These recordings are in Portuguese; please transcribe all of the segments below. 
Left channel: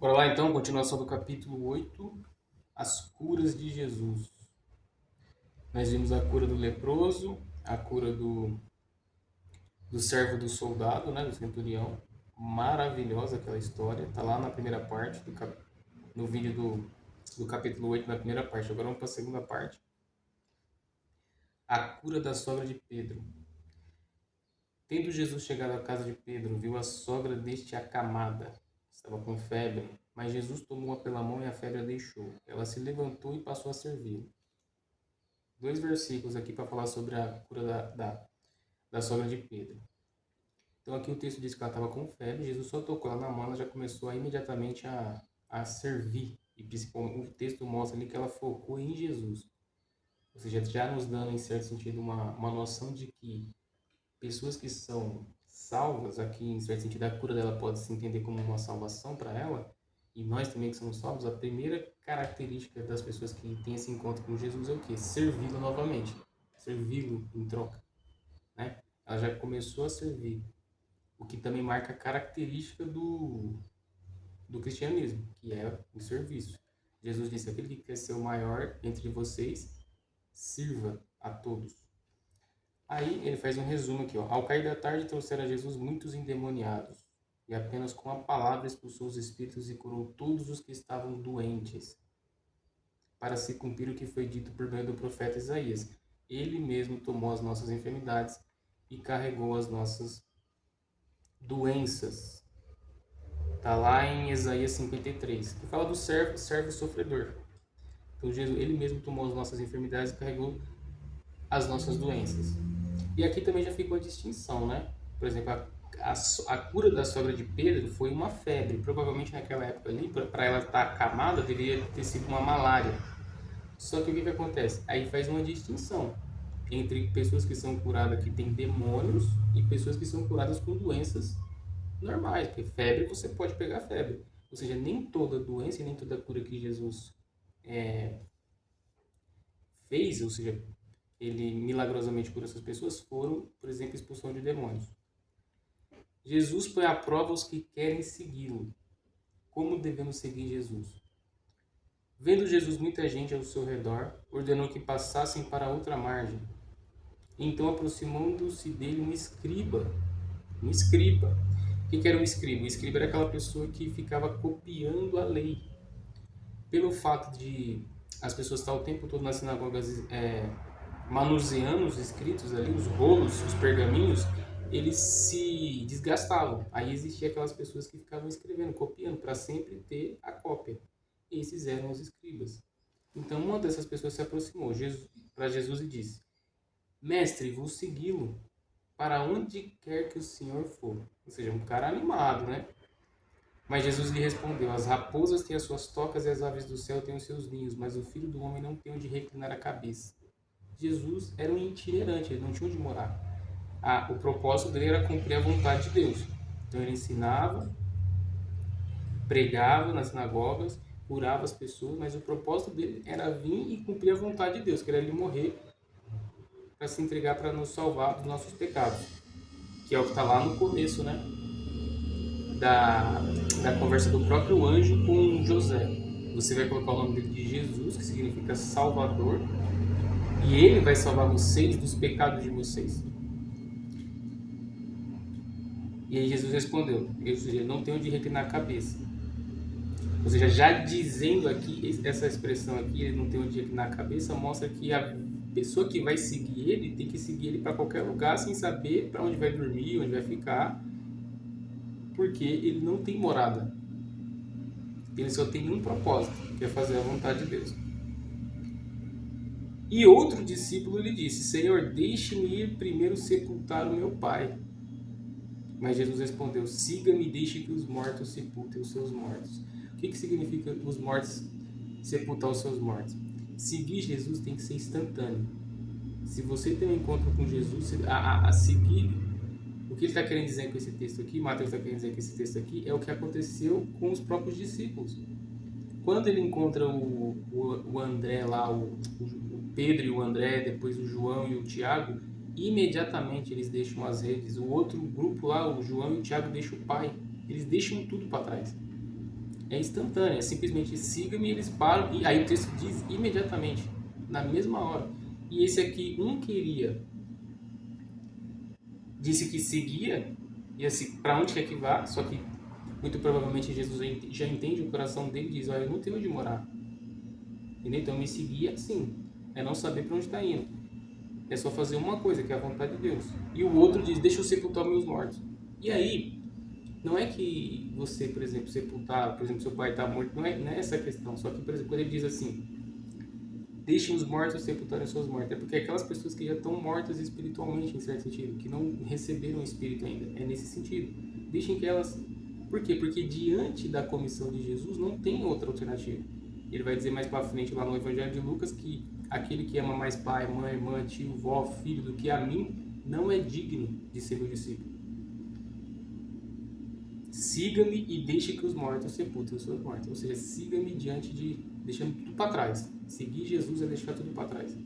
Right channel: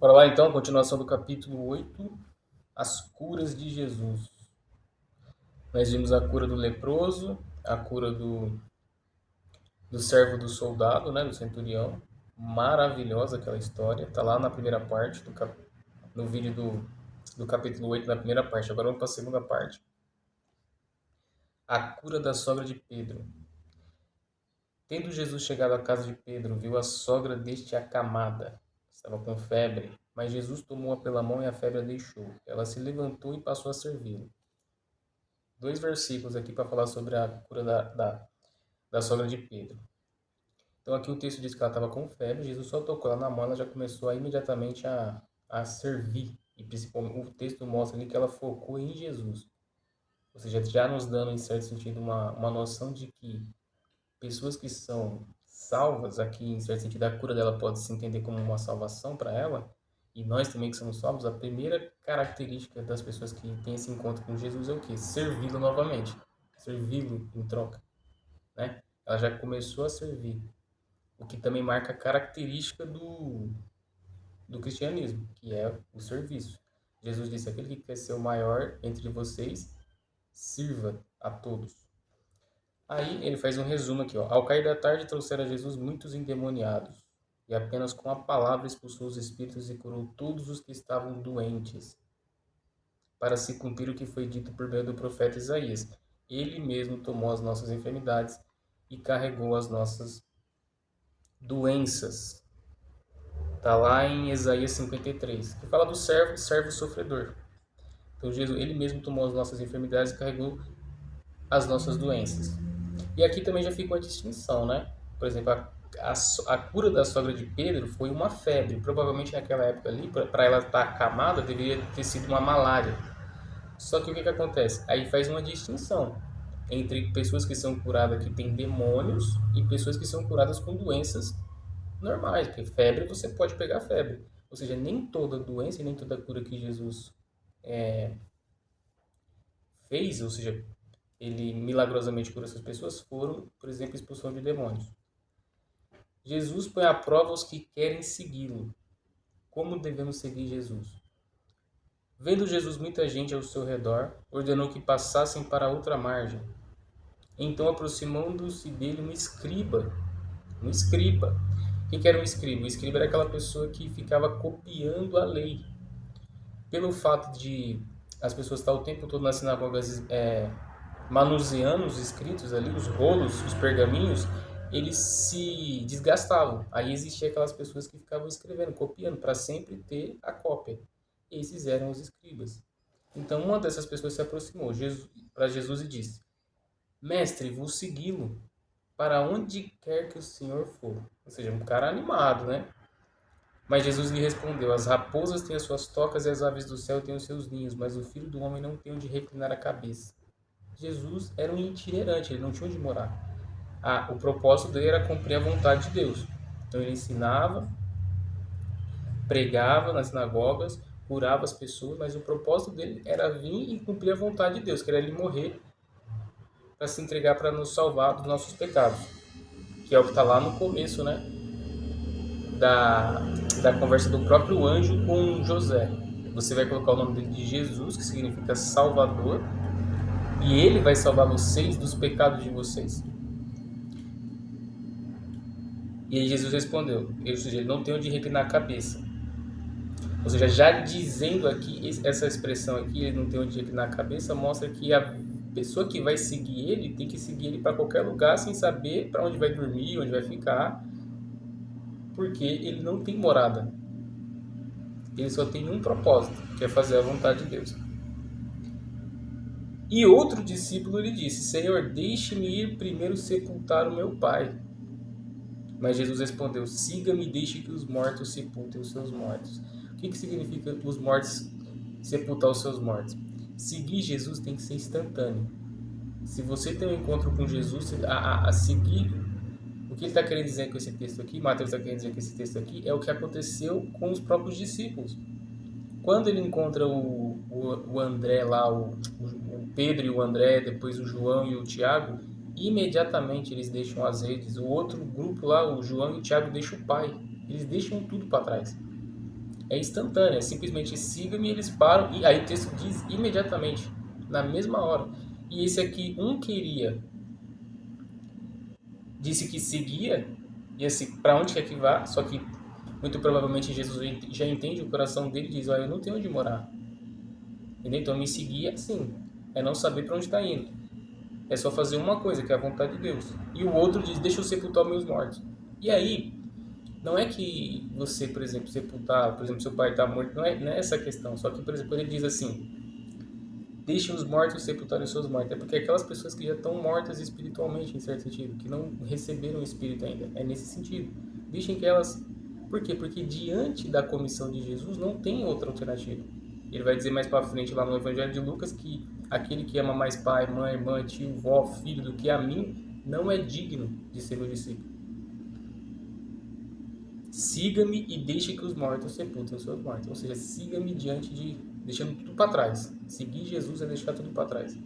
Bora lá então, continuação do capítulo 8, as curas de Jesus. Nós vimos a cura do leproso, a cura do servo do soldado, né, do centurião. Maravilhosa aquela história, tá lá na primeira parte, no vídeo do capítulo 8, na primeira parte. Agora vamos para a segunda parte. A cura da sogra de Pedro. Tendo Jesus chegado à casa de Pedro, viu a sogra deste acamada. Estava com febre, mas Jesus tomou-a pela mão e a febre a deixou. Ela se levantou e passou a servi-lo. Dois versículos aqui para falar sobre a cura da sogra de Pedro. Então aqui o texto diz que ela estava com febre, Jesus só tocou ela na mão, ela já começou imediatamente a servir. E principalmente o texto mostra ali que ela focou em Jesus. Ou seja, já nos dando, em certo sentido, uma noção de que pessoas que são salvas, aqui em certo sentido a cura dela pode se entender como uma salvação para ela, e nós também que somos salvos, a primeira característica das pessoas que têm esse encontro com Jesus é o quê? Servi-lo novamente, servi-lo em troca, né? Ela já começou a servir, o que também marca a característica do cristianismo, que é o serviço. Jesus disse: aquele que quer ser o maior entre vocês, sirva a todos. Aí ele faz um resumo aqui, ó. Ao cair da tarde trouxeram a Jesus muitos endemoniados, e apenas com a palavra expulsou os espíritos e curou todos os que estavam doentes, para se cumprir o que foi dito por meio do profeta Isaías. Ele mesmo tomou as nossas enfermidades e carregou as nossas doenças. Está lá em Isaías 53, que fala do servo sofredor. Então Jesus, ele mesmo tomou as nossas enfermidades e carregou as nossas doenças. E aqui também já fica uma distinção, né? Por exemplo, a cura da sogra de Pedro foi uma febre. Provavelmente naquela época ali, para ela estar acamada, deveria ter sido uma malária. Só que o que acontece? Aí faz uma distinção entre pessoas que são curadas que têm demônios e pessoas que são curadas com doenças normais. Porque febre, você pode pegar febre. Ou seja, nem toda doença e nem toda cura que Jesus fez, ou seja, ele milagrosamente cura essas pessoas, foram, por exemplo, expulsão de demônios. Jesus põe à prova os que querem segui-lo. Como devemos seguir Jesus? Vendo Jesus muita gente ao seu redor, ordenou que passassem para outra margem. Então, aproximando-se dele um escriba. Um escriba. O que era um escriba? O escriba era aquela pessoa que ficava copiando a lei. Pelo fato de as pessoas estar o tempo todo nas sinagogas manuseando os escritos ali, os rolos, os pergaminhos, eles se desgastavam. Aí existia aquelas pessoas que ficavam escrevendo, copiando, para sempre ter a cópia. Esses eram os escribas. Então uma dessas pessoas se aproximou para Jesus e disse: Mestre, vou segui-lo para onde quer que o Senhor for. Ou seja, um cara animado, né? Mas Jesus lhe respondeu: As raposas têm as suas tocas e as aves do céu têm os seus ninhos, mas o filho do homem não tem onde reclinar a cabeça. Jesus era um itinerante, ele não tinha onde morar. O propósito dele era cumprir a vontade de Deus. Então ele ensinava, pregava nas sinagogas, curava as pessoas, mas o propósito dele era vir e cumprir a vontade de Deus, que era ele morrer para se entregar para nos salvar dos nossos pecados, que é o que está lá no começo, né, da, da conversa do próprio anjo com José. Você vai colocar o nome dele de Jesus, que significa Salvador, e ele vai salvar vocês dos pecados de vocês. E aí Jesus respondeu, ou seja, ele não tem onde reclinar a cabeça. Ou seja, já dizendo aqui, essa expressão aqui, ele não tem onde reclinar a cabeça, mostra que a pessoa que vai seguir ele tem que seguir ele para qualquer lugar sem saber para onde vai dormir, onde vai ficar, porque ele não tem morada. Ele só tem um propósito, que é fazer a vontade de Deus. E outro discípulo lhe disse: Senhor, deixe-me ir primeiro sepultar o meu pai. Mas Jesus respondeu: Siga-me e deixe que os mortos sepultem os seus mortos. O que significa os mortos sepultar os seus mortos? Seguir Jesus tem que ser instantâneo. Se você tem um encontro com Jesus, a seguir, o que ele está querendo dizer com esse texto aqui, Mateus está querendo dizer com esse texto aqui, é o que aconteceu com os próprios discípulos. Quando ele encontra o André lá, o Pedro e o André, depois o João e o Tiago, imediatamente eles deixam as redes. O outro grupo lá, o João e o Tiago, deixam o pai. Eles deixam tudo para trás. é instantâneo, é simplesmente siga-me e eles param, e aí o texto diz imediatamente, na mesma hora. E esse aqui, disse que seguia, e assim, para onde quer que vá, só que muito provavelmente Jesus já entende o coração dele e diz: olha, eu não tenho onde morar. Entendeu? Então me seguir é assim, é não saber para onde está indo. É só fazer uma coisa, que é a vontade de Deus. E o outro diz: deixa eu sepultar meus mortos. E aí, não é que você, por exemplo, sepultar, por exemplo, seu pai está morto, não é essa a questão. Só que, por exemplo, quando ele diz assim: deixe os mortos sepultarem os seus mortos, é porque aquelas pessoas que já estão mortas espiritualmente, em certo sentido, que não receberam o Espírito ainda, é nesse sentido. Deixem que elas. Por quê? Porque diante da comissão de Jesus não tem outra alternativa. Ele vai dizer mais para frente lá no Evangelho de Lucas que aquele que ama mais pai, mãe, irmã, tio, vó, filho do que a mim não é digno de ser meu discípulo. Siga-me e deixe que os mortos sepultem os seus mortos. Ou seja, siga-me deixando tudo para trás. Seguir Jesus é deixar tudo para trás.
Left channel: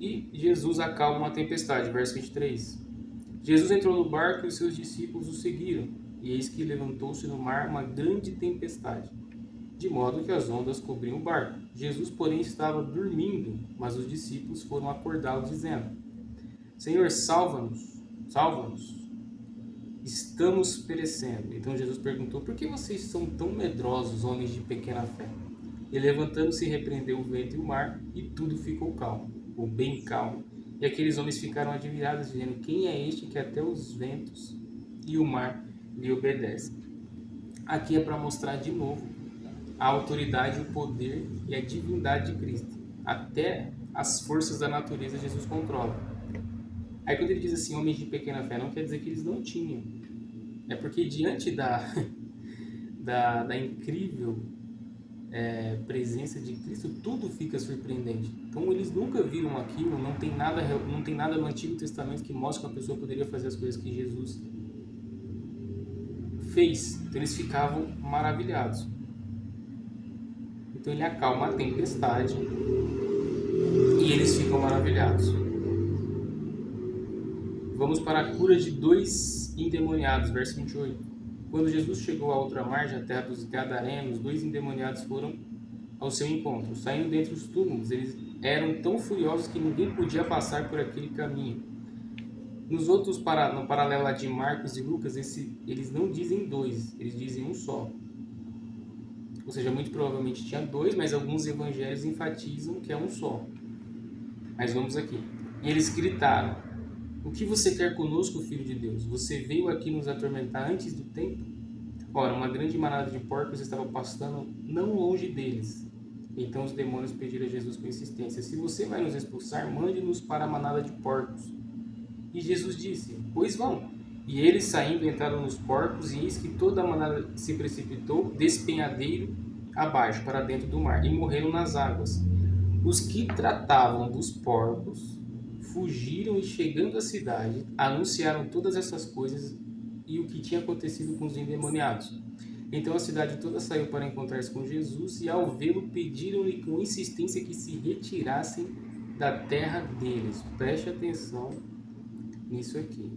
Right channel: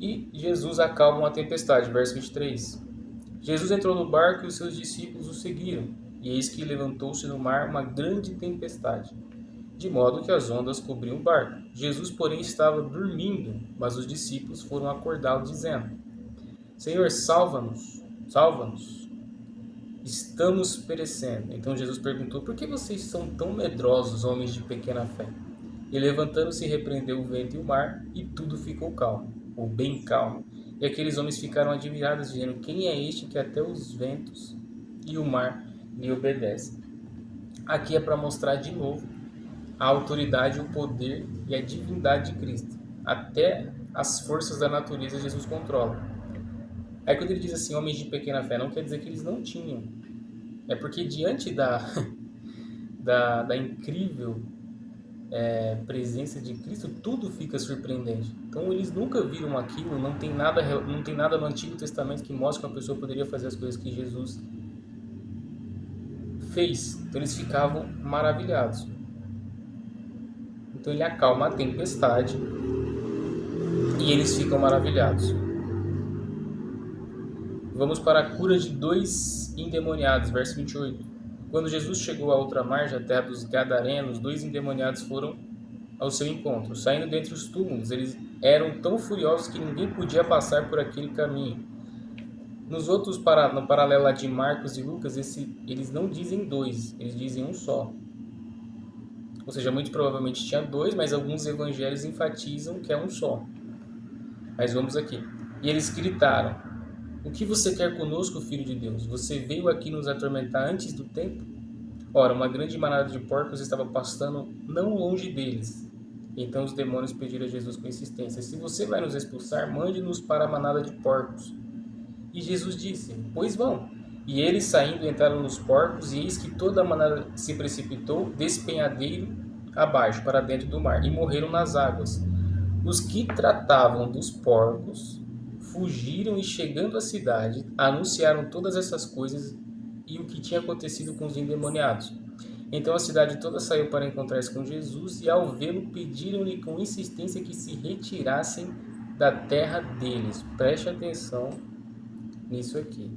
E Jesus acalma uma tempestade, verso 23. Jesus entrou no barco e os seus discípulos o seguiram. E eis que levantou-se no mar uma grande tempestade, de modo que as ondas cobriam o barco. Jesus, porém, estava dormindo, mas os discípulos foram acordá-lo, dizendo: Senhor, salva-nos, salva-nos, estamos perecendo. Então Jesus perguntou: por que vocês são tão medrosos, homens de pequena fé? E levantando-se, repreendeu o vento e o mar, e tudo ficou calmo, ou bem calmo. E aqueles homens ficaram admirados, dizendo: quem é este que até os ventos e o mar lhe obedecem? Aqui é para mostrar de novo a autoridade, o poder e a divindade de Cristo. Até as forças da natureza Jesus controla. Aí quando ele diz assim, homens de pequena fé, não quer dizer que eles não tinham. É porque diante da incrível presença de Cristo, tudo fica surpreendente. Então eles nunca viram aquilo, não tem nada no Antigo Testamento que mostre que uma pessoa poderia fazer as coisas que Jesus fez. Então eles ficavam maravilhados. Então ele acalma a tempestade e eles ficam maravilhados. Vamos para a cura de 2 endemoniados, verso 28. Quando Jesus chegou à outra margem, a terra dos Gadarenos, 2 endemoniados foram ao seu encontro. Saindo dentre os túmulos, eles eram tão furiosos que ninguém podia passar por aquele caminho. No paralelo de Marcos e Lucas, eles não dizem 2, eles dizem um só. Ou seja, muito provavelmente tinha 2, mas alguns evangelhos enfatizam que é um só. Mas vamos aqui. E eles gritaram: o que você quer conosco, Filho de Deus? Você veio aqui nos atormentar antes do tempo? Ora, uma grande manada de porcos estava pastando não longe deles. Então os demônios pediram a Jesus com insistência: se você vai nos expulsar, mande-nos para a manada de porcos. E Jesus disse: pois vão. E eles, saindo, entraram nos porcos, e eis que toda a manada se precipitou despenhadeiro abaixo, para dentro do mar, e morreram nas águas. Os que tratavam dos porcos fugiram e, chegando à cidade, anunciaram todas essas coisas e o que tinha acontecido com os endemoniados. Então a cidade toda saiu para encontrar-se com Jesus, e ao vê-lo pediram-lhe com insistência que se retirassem da terra deles. Preste atenção nisso aqui.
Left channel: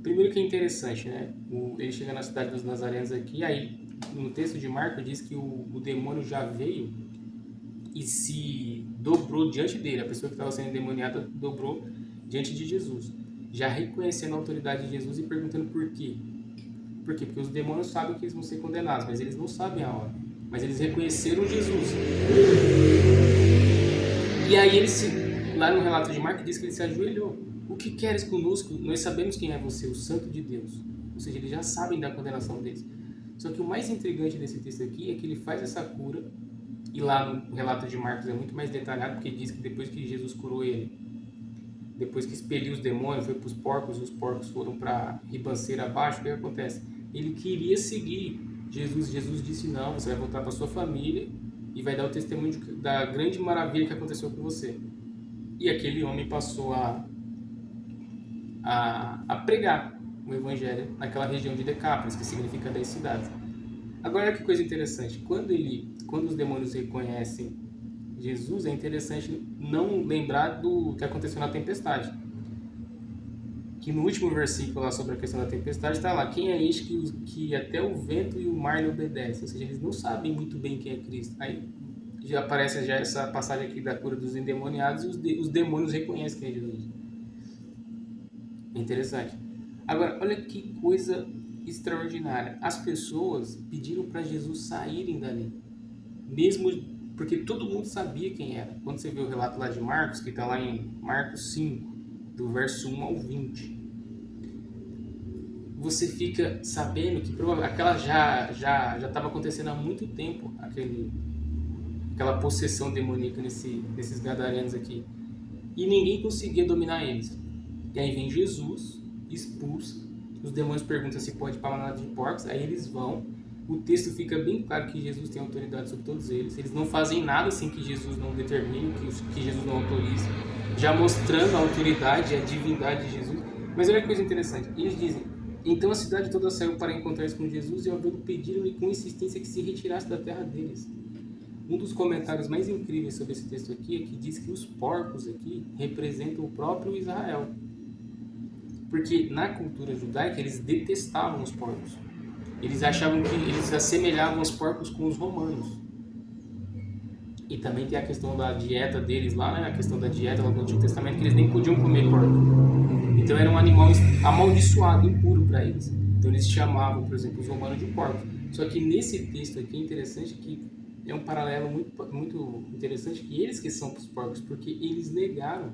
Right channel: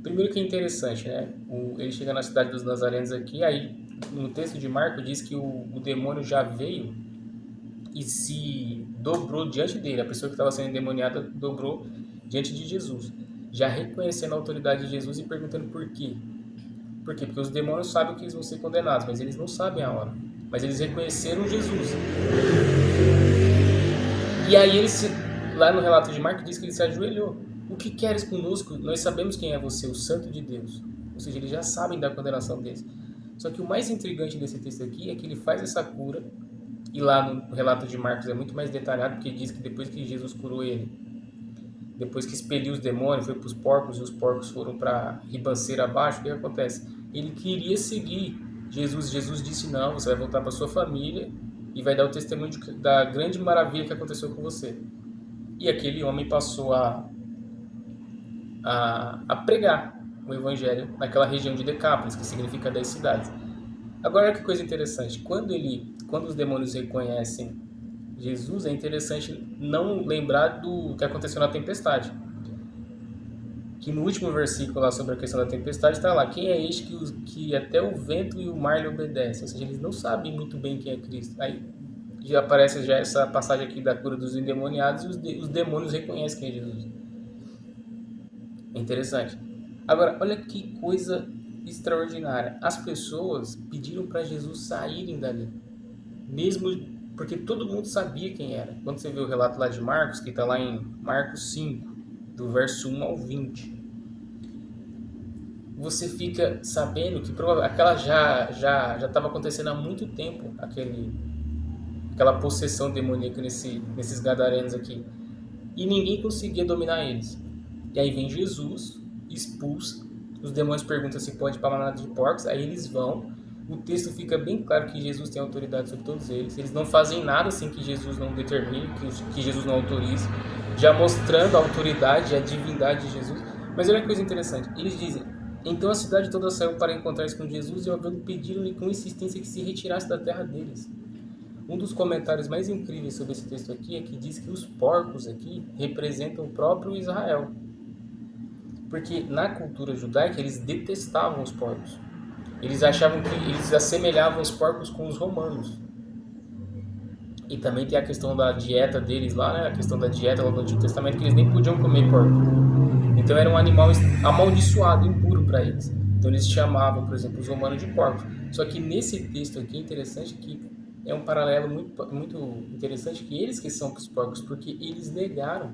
Primeiro que é interessante, né? Ele chega na cidade dos Nazarenos aqui, aí no texto de Marcos diz que o demônio já veio e se dobrou diante dele. A pessoa que estava sendo endemoniada dobrou diante de Jesus, já reconhecendo a autoridade de Jesus e perguntando por quê. Por quê? Porque os demônios sabem que eles vão ser condenados, mas eles não sabem a hora. Mas eles reconheceram Jesus. E aí lá no relato de Marcos diz que ele se ajoelhou. O que queres conosco? Nós sabemos quem é você, o Santo de Deus. Ou seja, eles já sabem da condenação deles. Só que o mais intrigante desse texto aqui é que ele faz essa cura, e lá no relato de Marcos é muito mais detalhado, porque diz que depois que Jesus curou ele, depois que expeliu os demônios, foi para os porcos, e os porcos foram para a ribanceira abaixo, o que acontece? Ele queria seguir Jesus. Jesus disse: não, você vai voltar para sua família e vai dar o testemunho da grande maravilha que aconteceu com você. E aquele homem passou a pregar o evangelho naquela região de Decápolis, que significa 10 cidades. Agora, olha que coisa interessante. Quando os demônios reconhecem Jesus, é interessante não lembrar do que aconteceu na tempestade. que no último versículo lá sobre a questão da tempestade está lá, quem é este que até o vento e o mar lhe obedecem? Ou seja, eles não sabem muito bem quem é Cristo. Aí já aparece já essa passagem aqui da cura dos endemoniados e os demônios reconhecem quem é Jesus. É interessante. Agora, olha que coisa extraordinária. As pessoas pediram para Jesus saírem dali. Mesmo porque todo mundo sabia quem era. Quando você vê o relato lá de Marcos, que está lá em Marcos 5, do verso 1 ao 20, você fica sabendo que aquela já estava acontecendo há muito tempo, aquela possessão demoníaca nesses gadarenos aqui. E ninguém conseguia dominar eles. E aí vem Jesus, expulsa, os demônios perguntam se pode ir para a manada de porcos, aí eles vão. O texto fica bem claro que Jesus tem autoridade sobre todos eles. Eles não fazem nada sem que Jesus não determine, que Jesus não autorize, já mostrando a autoridade e a divindade de Jesus. Mas olha que coisa interessante. Eles dizem, então a cidade toda saiu para encontrar-se com Jesus e ao vê-lo pediram-lhe com insistência que se retirasse da terra deles. Um dos comentários mais incríveis sobre esse texto aqui é que diz que os porcos aqui representam o próprio Israel. Porque na cultura judaica eles detestavam os porcos. Eles achavam que eles assemelhavam os porcos com os romanos. E também tem a questão da dieta deles lá, né? A questão da dieta lá do Antigo Testamento, que eles nem podiam comer porco. Então era um animal amaldiçoado, impuro para eles. Então eles chamavam, por exemplo, os romanos de porcos. Só que nesse texto aqui é interessante que é um paralelo muito interessante, que eles que são os porcos, porque eles negaram.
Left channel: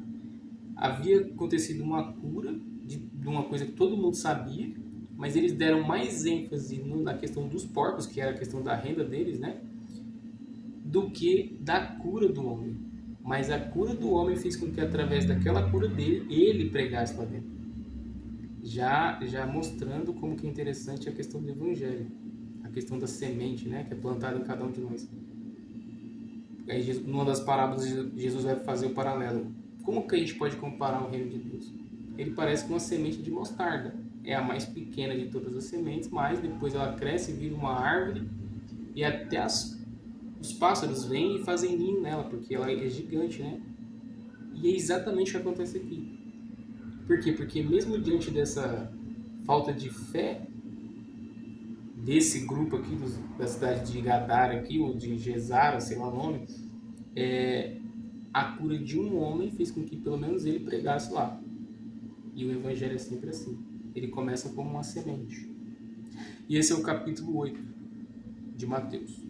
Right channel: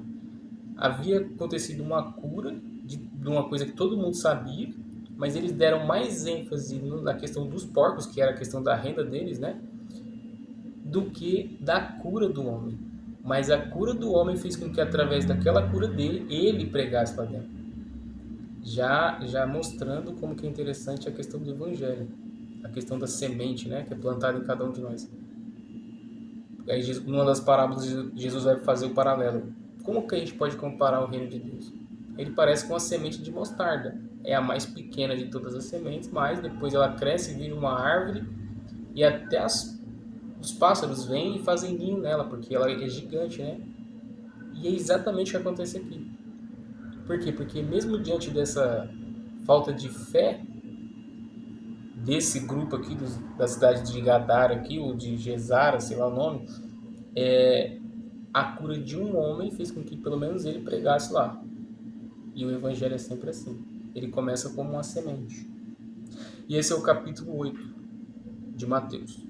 Havia acontecido uma cura de uma coisa que todo mundo sabia, mas eles deram mais ênfase na questão dos porcos, que era a questão da renda deles, né? Do que da cura do homem. Mas a cura do homem fez com que, através daquela cura dele, ele pregasse lá dentro. Já mostrando como que é interessante a questão do evangelho. A questão da semente, né? Que é plantada em cada um de nós. Aí, numa das parábolas, Jesus vai fazer o paralelo. Como que a gente pode comparar o reino de Deus? Ele parece com uma semente de mostarda. É a mais pequena de todas as sementes, mas depois ela cresce e vira uma árvore e até os pássaros vêm e fazem ninho nela, porque ela é gigante, né? E é exatamente o que acontece aqui. Por quê? Porque mesmo diante dessa falta de fé desse grupo aqui da cidade de Gadara aqui, ou de Gesara, sei lá o nome, a cura de um homem fez com que pelo menos ele pregasse lá. E o evangelho é sempre assim. Ele começa como uma semente. E esse é o capítulo 8 de Mateus.